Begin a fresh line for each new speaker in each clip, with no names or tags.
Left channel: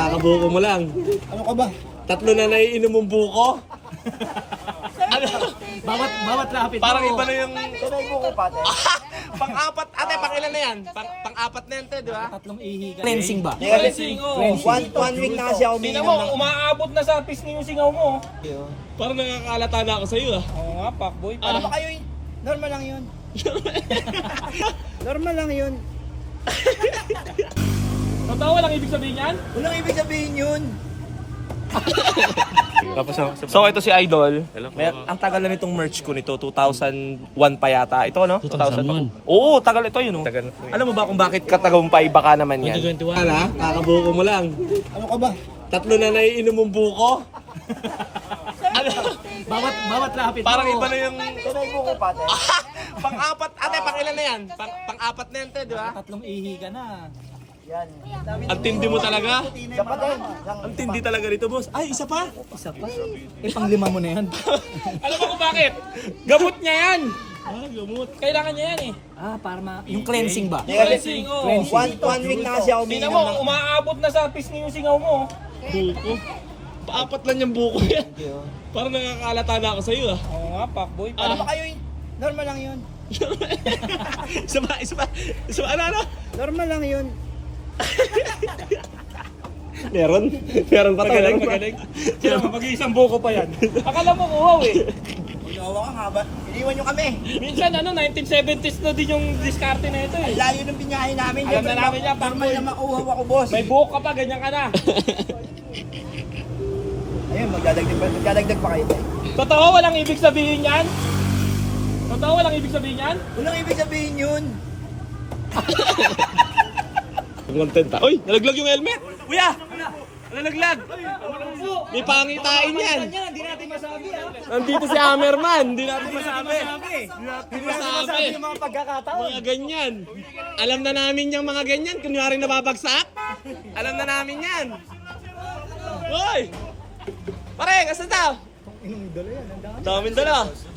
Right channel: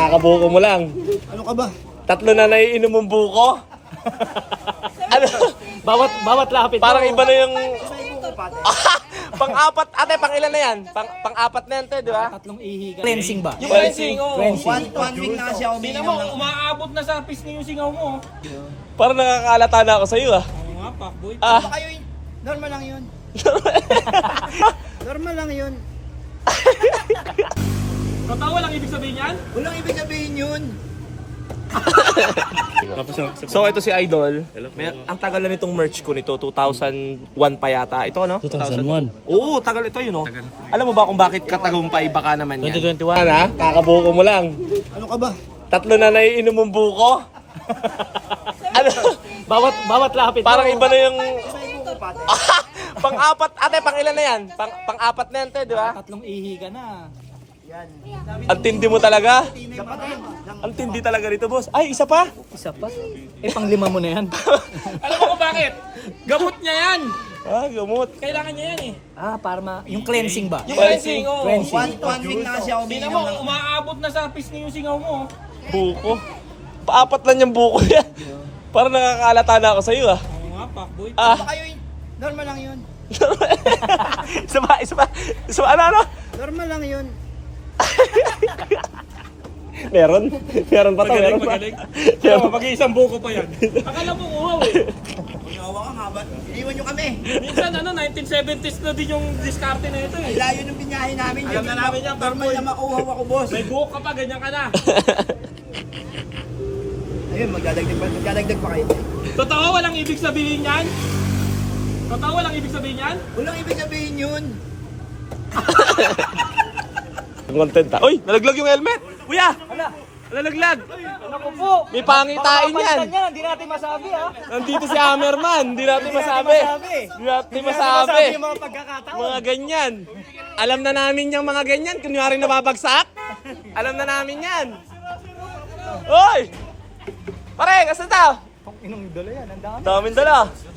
kakabuko mo lang.
Ano ka ba?
Tatlo na naiinom mong buko. Ano?
Bawat lapit
Parang
mo.
iba na yung...
May buko pate.
Pang-apat. Ate, pang-ilan na yan? Pang-apat na yan, te, di ba?
Tatlong ihi ka. Cleansing ba?
Cleansing, oh.
One week na kasi ako
Tingnan
umiinom
mo,
ng...
umaabot na sa pisngi yung singaw mo.
Parang nakakalata na ako sa'yo, ah.
Oo nga, pakboy.
Ano ba kayo yun? Normal lang yun. Normal lang yun.
Totoo, walang ibig sabihin yan?
Walang ibig sabihin yun.
So ito si Idol. Ang tagal na nitong merch ko nito, 2001 pa yata. Ito no?
2001.
Oo, tagal ito yun no. Alam mo ba kung bakit katagumpay baka naman yan?
2021.
Ano? Kakabuko mo lang.
Ano ka ba?
Tatlo na naiinom mong buko. Ano?
Bawat lapit mo.
Parang iba na yung...
May buko pate.
Pang-apat. Ate, pang-ilan na yan? Pang-apat na yan, te, di ba?
Tatlong ihi ka na.
Yan.
Ang tindi mo talaga.
Dapat yan.
Ang tindi talaga rito, boss. Ay, isa pa.
Isa pa. Pang-lima mo na yan.
Alam mo kung bakit? Gamot niya yan.
Ah, gamot.
Kailangan niya yan eh.
Para yung cleansing ba?
Cleansing, oh.
One week na kasi ako
Tingnan
umiinom
mo,
ng...
umaabot na sa pisngi yung singaw mo.
Buko. Paapat lang yung buko yan. Parang nakakalata na ako sa'yo, ah.
Oo nga, pakboy.
Ano ba kayo yun? Normal lang yun.
Isa pa, ano?
Normal lang yun.
Meron pa to.
Magaling. Sila mo, mag-iisang buko pa yan. Akala mo uhaw eh.
Uyawa ka nga ba? Iniwan nyo kami.
Minsan 1970s na din yung diskarte na ito eh.
Layo ng binyahe namin.
Alam na namin yan,
Normal
Pangboy.
na makuhaw ako, boss.
May buhok ka pa, ganyan ka na.
Ayun, magdadagdag pa kayo.
Totoo, walang ibig sabihin yan? Totoo, walang ibig sabihin yan?
Walang ibig sabihin yun.
Content ah. Uy, nalaglag yung helmet. Kuya! Nalaglag. May pangitain yan.
Hindi natin masabi ha.
Nandito si Hammerman. Hindi natin masabi. Hindi masabi.
Yung mga pagkakataon.
Mga ganyan. Alam na namin yung mga ganyan. Kunyari nababagsak. Alam na namin yan. Hoy! Pare, kasi daw?
Inong idolo yan. Ang dami.
Daming dala.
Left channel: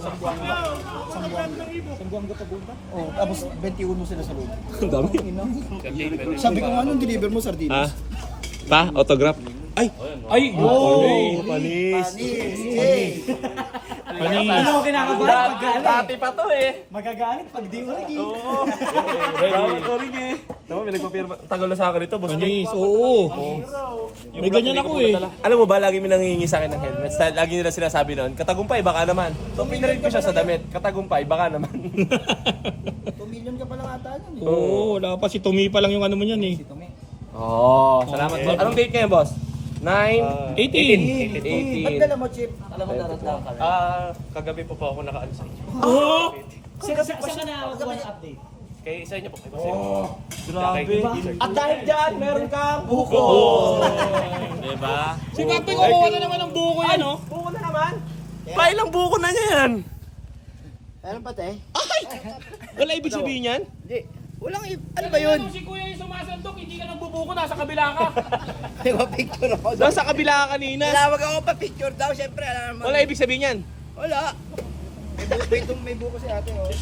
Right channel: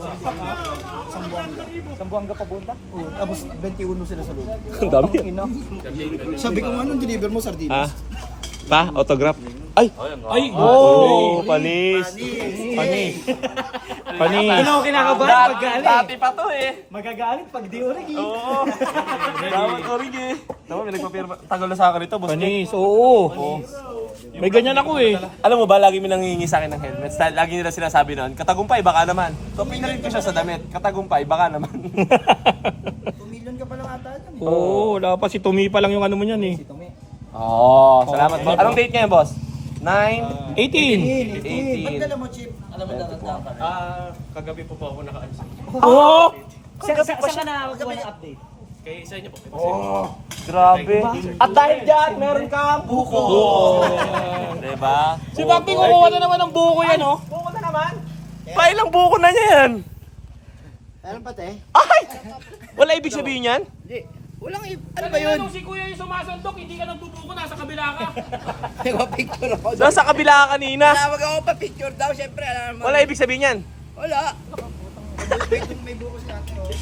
Sambuang ka papunta.
Oh, tapos 21 sila sa loob.
Ang dami.
Sabi ko, anong deliver mo, sardinas?
Ha? Pa? Autograph? Ay!
Ay,
Oh, panis.
Hey!
Hindi ako kinakabahan pag galing.
Dati pa to eh.
Magagalit pag di ulit.
Oo. Dapat orig eh. Tama, may nagpapirma. Tagal na sa akin ito, boss Jake.
Oo.
may ganyan ako eh.
Alam mo ba, lagi may nangingi sa akin ng helmet. Lagi nila sinasabi noon, katagumpay, baka naman. So, pinarin ko siya sa damit. Katagumpay, baka naman.
2 million ka pa lang ata dyan eh.
Oo, wala pa si Tumi pa lang yung ano mo niyan eh.
Oo, salamat. boss. Anong date ngayon, boss? 9?
18.
Ba't dala mo, Chip? Alam mo, darat ka.
Kagabi po ako nakaalis.
Oo!
Saan ka na update?
Kay isa niyo po. Grabe. At dahil dyan, meron kang buko. Diba?
Si Papi kumuha na naman ng buko yan oh.
Buko na naman. Pa ilang buko na niya yan?
Ano pa, te?
Ay! Wala ibig sabihin yan?
Hindi. Walang ano ba yun?
Si Kuya yung sumasandok, hindi ka nagbubuko, nasa kabila ka.
Nagpa-picture ako.
Nasa kabila ka kanina.
Tinawag ako pa picture daw, syempre. Alam mo.
Wala ibig sabihin yan?
Wala. May buko si ate, oh.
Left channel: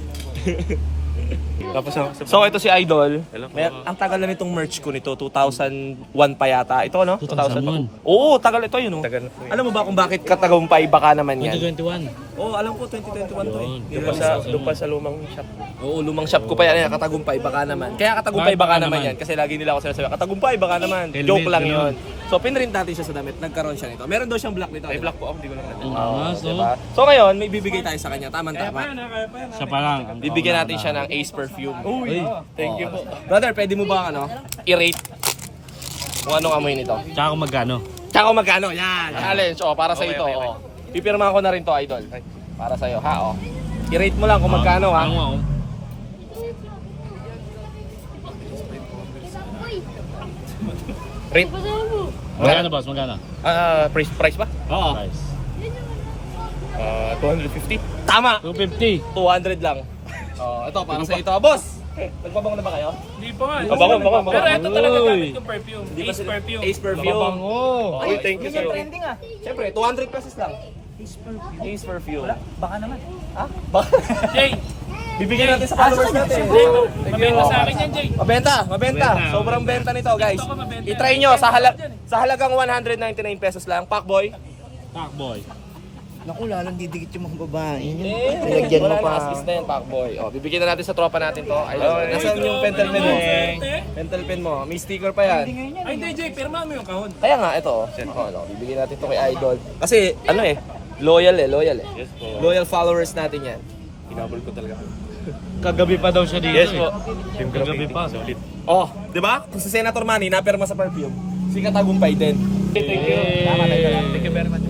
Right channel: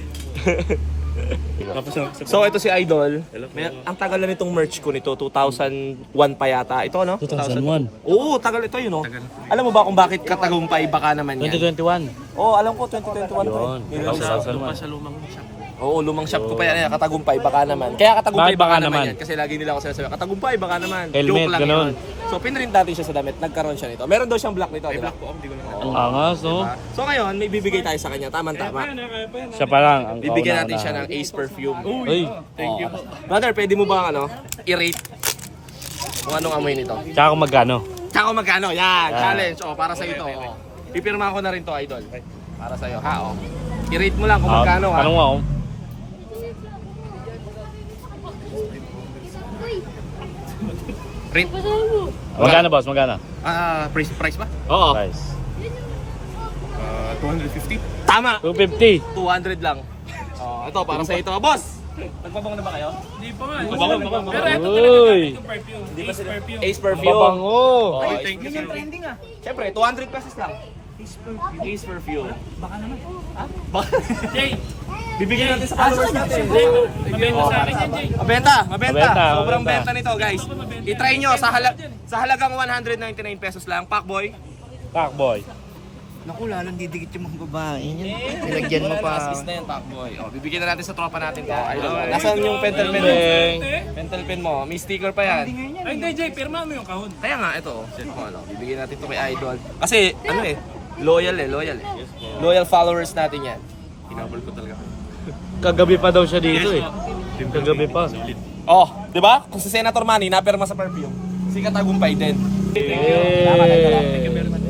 So ito si Idol. Ang tagal na nitong merch ko nito, 2001 pa yata. Ito no?
2001.
Oo, tagal ito yun no. Alam mo ba kung bakit katagumpay baka naman yan?
2021.
Oo, alam ko 2021 to eh.
Yun.
Doon pa sa lumang shop. Oo, lumang shop ko pa yan. Katagumpay baka naman. Kaya katagumpay baka naman yan. Kasi lagi nila ako sinasabi, katagumpay baka naman.
Helmet,
Joke lang
ganon.
yun. So pinrint natin siya sa damit. Nagkaroon siya nito. Meron daw siyang black nito. May black po ako, hindi ko lang.
Ang angas no?
So ngayon, may bibigay tayo sa kanya. Tama-tama.
Siya pa lang.
Bibigyan natin siya ng Ace Perfume.
Uy.
Thank you. Brother, pwede mo ba i-rate kung anong amoy nito?
Tsaka kung magkano?
Tsaka kung magkano? Yan, challenge. Para sa ito. Pipirma ko na rin to, Idol. Para sa'yo, ha? I-rate mo lang kung magkano, ha?
Ano ako?
Rate?
Magkano boss? Magkano?
Price ba?
Oo. Price.
250. Tama!
250.
200 lang. Ito, para sa ito. Boss! Nagpabango na ba kayo?
Hindi pa nga.
Nagpabango.
Pero ito talaga
Uy.
gamit yung perfume.
Hindi pa
Ace
sila.
perfume.
Ace Perfume.
Oh.
Ay, thank you, sir.
Trending ah.
Siyempre, 200 pesos lang. Ace Perfume.
Baka naman.
Jay,
Bibigyan natin sa followers natin.
mabenta sa akin yan, Jay.
Mabenta.
Mabenta.
Sobrang benta nito, guys. I-try nyo sa Sa halagang 199 pesos lang, Pacboy.
Pacboy.
Naku, lalong didikit yung mga babae niyan.
Eh,
Nilagyan mo
wala
pa.
na, aspis na yan, Pacboy. Oh, bibigyan na natin sa tropa natin to. Idol. Nasaan yung pentel pen mo? Pentel pen mo. May sticker pa yan.
Ay, hindi, Jay, pirma mo yung kahon.
Kaya nga, ito. Bibigyan natin to kay Idol. Kasi, ano eh, loyal eh. Loyal followers natin yan.
Kagabi pa daw siya dito eh. Kagabi pa.
Oh, di ba? Kung sa Senator Manny, napirma sa perfume, si Katagumpay din. Thank you. Tama tayo. Thank you very much.